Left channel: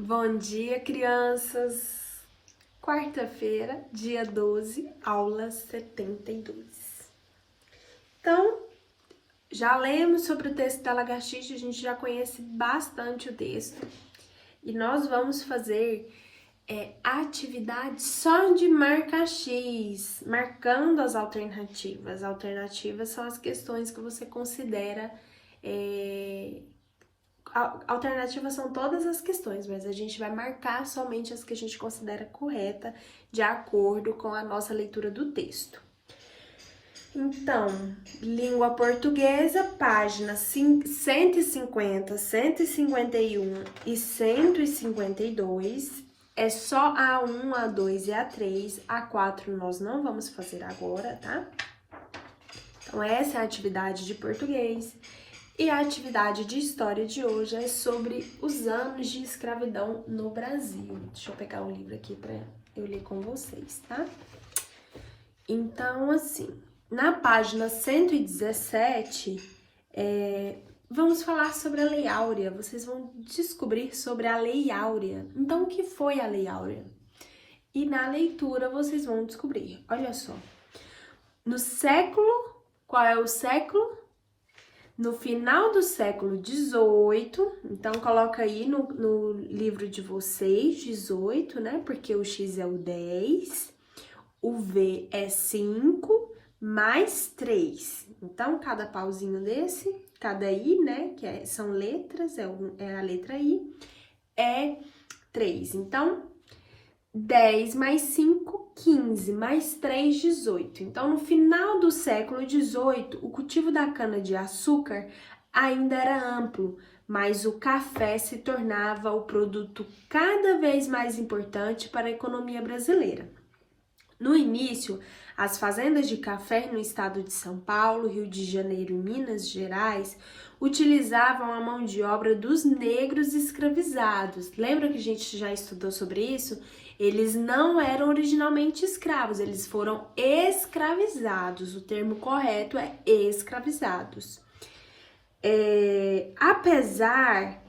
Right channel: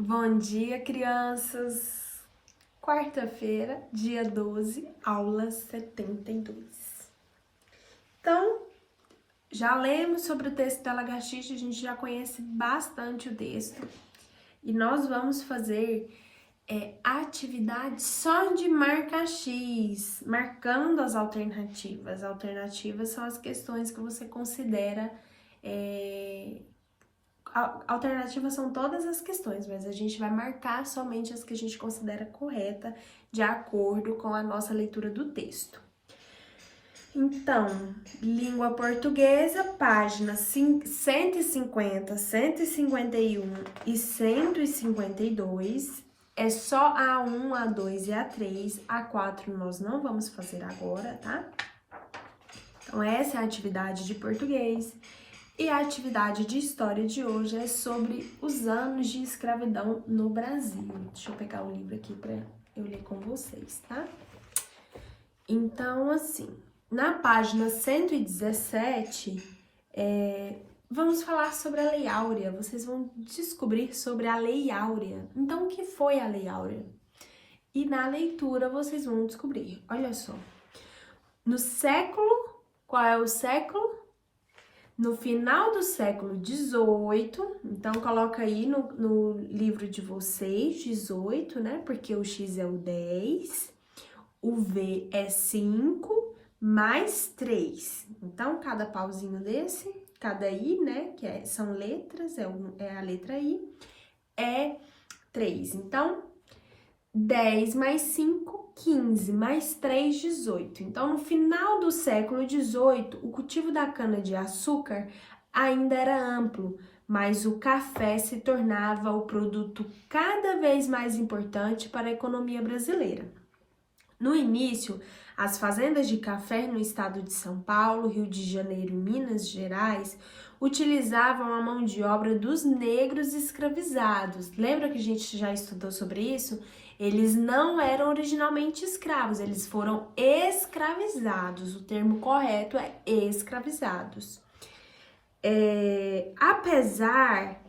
Bom dia, crianças! Quarta-feira, dia 12, aula 72. Então, já lemos sobre o texto da lagartixa, a gente já conhece bastante o texto. E nós vamos fazer atividade só de marca X, marcando as alternativas. Alternativas são as questões que você considera... Alternativas são todas as questões, mas a gente vai marcar somente as que a gente considera correta de acordo com a nossa leitura do texto. Então, língua portuguesa, páginas 150, 151 e 152. É só A1, A2 e A3. A4 nós não vamos fazer agora, tá? Então, essa é a atividade de português. E a atividade de história de hoje é sobre os anos de escravidão no Brasil. Deixa eu pegar o livro aqui para eu ler com vocês, tá? Então, assim, na página 117, vamos falar sobre a Lei Áurea. Vocês vão descobrir sobre a Lei Áurea. Então, o que foi a Lei Áurea? E na leitura vocês vão descobrir. Olha só. No século... Qual é o século? No final do século XVIII, então coloca aí no livro de vocês, 18, né? Porque o X é o 10, o V é 5, mais 3. Então, cada pauzinho desse, cada I, né? Que são letras, é a letra I, é 3. Então, 10 mais 5, 15, mais 3, 18. Então, no final do século XVIII, o cultivo da cana-de-açúcar ainda era amplo, mas o café se tornava o produto cada vez mais importante para a economia brasileira. No início, as fazendas de café no estado de São Paulo, Rio de Janeiro e Minas Gerais utilizavam a mão de obra dos negros escravizados. Lembra que a gente já estudou sobre isso? Eles não eram originalmente escravos, eles foram escravizados. O termo correto é escravizados. Apesar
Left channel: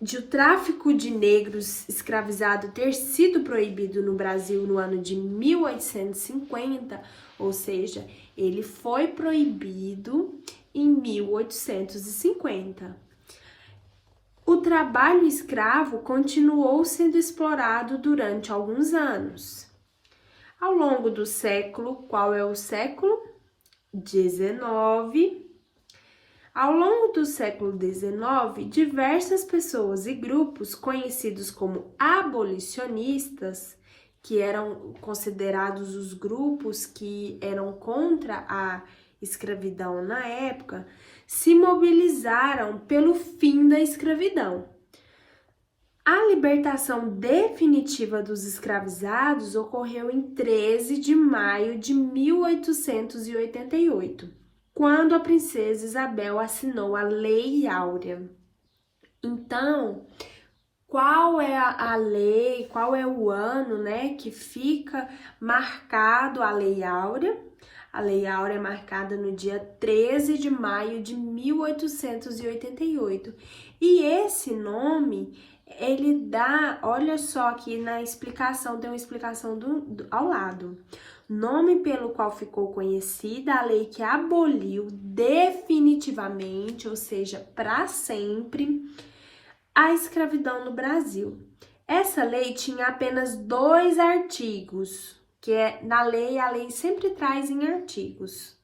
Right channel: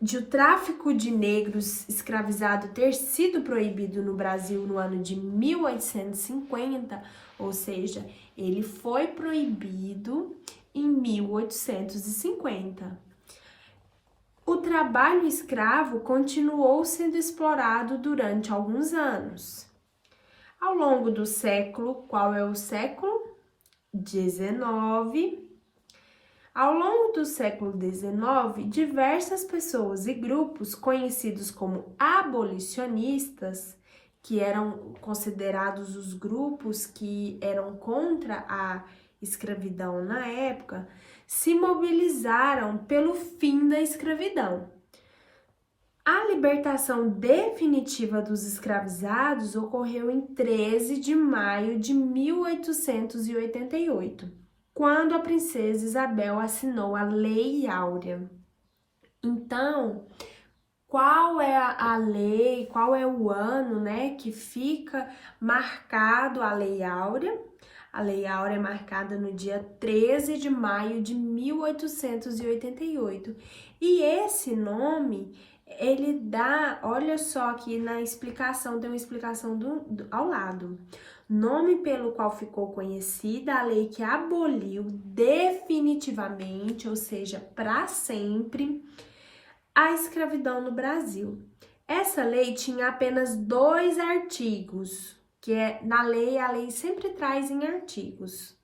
de o tráfico de negros escravizados ter sido proibido no Brasil no ano de 1850, ou seja, ele foi proibido em 1850. O trabalho escravo continuou sendo explorado durante alguns anos. Ao longo do século, qual é o século? 19. Ao longo do século XIX, diversas pessoas e grupos conhecidos como abolicionistas, que eram considerados os grupos que eram contra a escravidão na época, se mobilizaram pelo fim da escravidão. A libertação definitiva dos escravizados ocorreu em 13 de maio de 1888, quando a princesa Isabel assinou a Lei Áurea. Então, qual é a lei, qual é o ano, né, que fica marcado a Lei Áurea? A Lei Áurea é marcada no dia 13 de maio de 1888. E esse nome, ele dá, olha só aqui na explicação, tem uma explicação ao lado. Nome pelo qual ficou conhecida a lei que aboliu definitivamente, ou seja, para sempre, a escravidão no Brasil. Essa lei tinha apenas 2 artigos, que na lei, a lei sempre traz em artigos.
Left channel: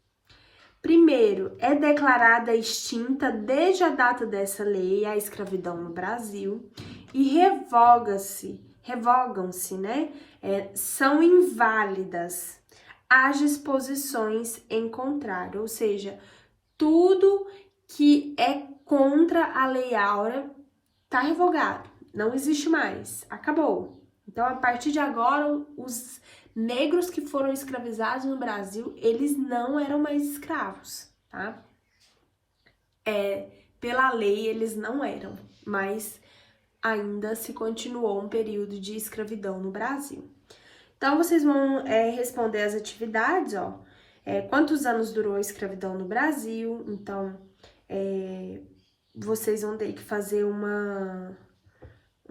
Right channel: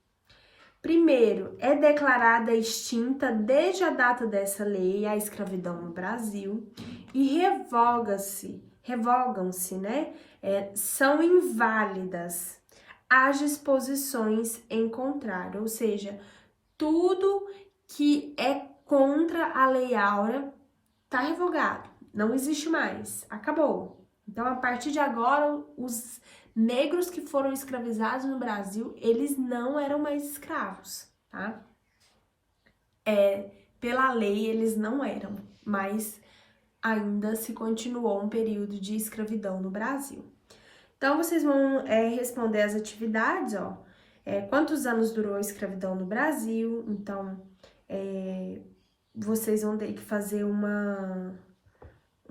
Primeiro, é declarada extinta desde a data dessa lei a escravidão no Brasil e revogam-se, né? São inválidas as disposições em contrário, ou seja, tudo que é contra a Lei Áurea está revogado, não existe mais, acabou. Então, a partir de agora, os negros que foram escravizados no Brasil, eles não eram mais escravos, tá? Pela lei, eles não eram, mas ainda se continuou um período de escravidão no Brasil. Então, vocês vão responder as atividades, ó. Quantos anos durou a escravidão no Brasil? Então, vocês vão ter que fazer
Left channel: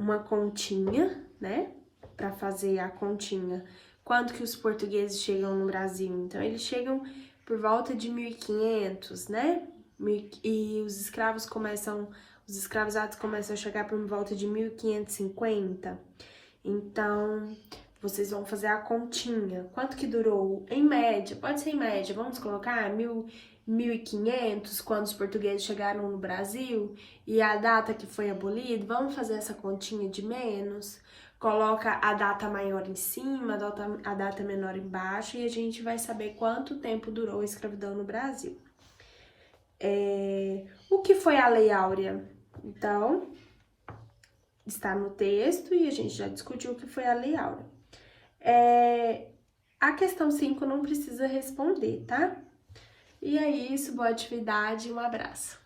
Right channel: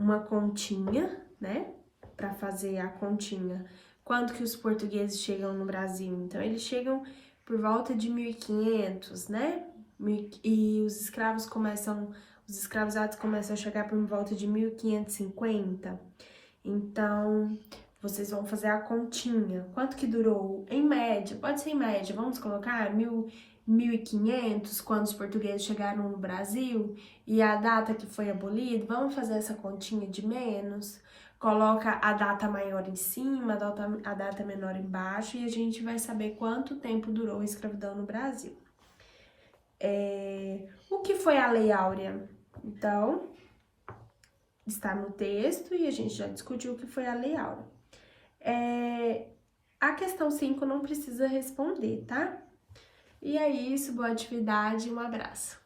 uma continha, né? Para fazer a continha. Quando que os portugueses chegam no Brasil? Então, eles chegam por volta de 1500, né? E os escravizados começam a chegar por volta de 1550. Então, vocês vão fazer a continha. Quanto que durou? Em média, pode ser em média, vamos colocar 1500, quando os portugueses chegaram no Brasil, e a data que foi abolido, vamos fazer essa continha de menos, coloca a data maior em cima, a data menor embaixo, e a gente vai saber quanto tempo durou a escravidão no Brasil. O que foi a Lei Áurea? Então, está no texto e a gente já discutiu o que foi a Lei Áurea. A questão 5 não precisa responder, tá? E é isso, boa atividade, um abraço.